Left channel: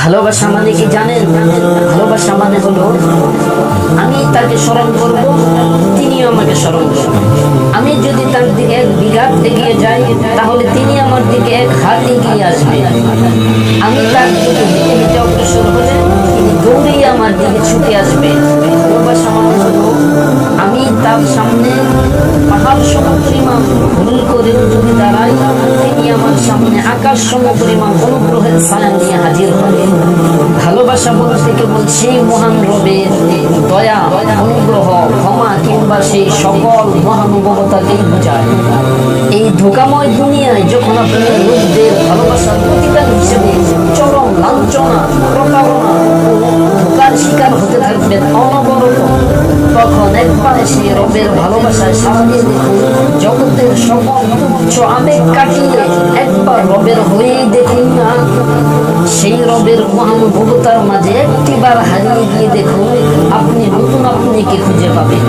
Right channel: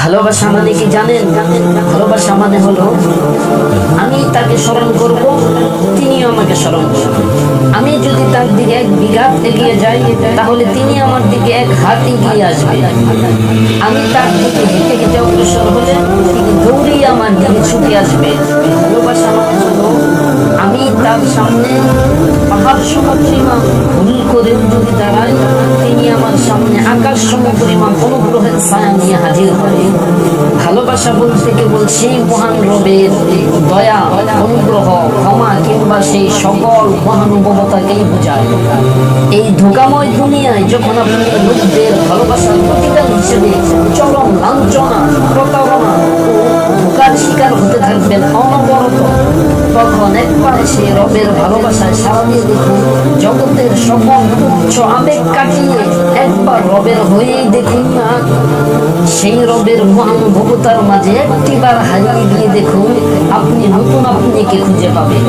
ভালোবাসা মানে কি জানেন? ভালোবাসা মানে হলো আমি তাকে স্মরণ করব, তিনিও আমাকে স্মরণ করবেন। আমি যদি তার দিকে 1 বিঘাত এগিয়ে যাই, তাহলে তিনি আমার দিকে 1 হাত এগিয়ে আসবে। আমি তার দিকে হেঁটে হেঁটে অগ্রসর হলে তিনি দৌড়িয়ে আমার দিকে ছুটে আসবে। ভালোবাসা মানে হলো আমি তার সামনে পাহাড় সমপরিমাণ ভুল করেও যদি দাঁড়াই, তিনি আমার সামনে আকাশ সমপরিমাণ অনুগ্রহের ছায়া নিয়ে হাজির হবে। ভালোবাসা বলতে কেবল সেই মহান রবের দয়া, অনুগ্রহ, ক্ষমা কিংবা সেই সকল মহানুভবতাকেই বোঝায়। এই ধোঁকাময় দুনিয়ায় যখন আপনি লোকদের ভালোবাসার প্রতিদান হিসেবে চরম লাঞ্ছনা, প্রতারণা ও ধোঁকার শিকার হতে থাকবেন অনবরত, তখন একবার সেই রবের ভালোবাসায় সারা দিয়ে দেখুন। জগতের সকল তুচ্ছ আবেগ কাটিয়ে একবার রবের হয়েই দেখুন না। সেই রবের মহানুভবতার মাঝে একটিবার হারিয়ে গিয়ে দেখুন, আপনি নতুন আপনিকে খুঁজে পাবেন।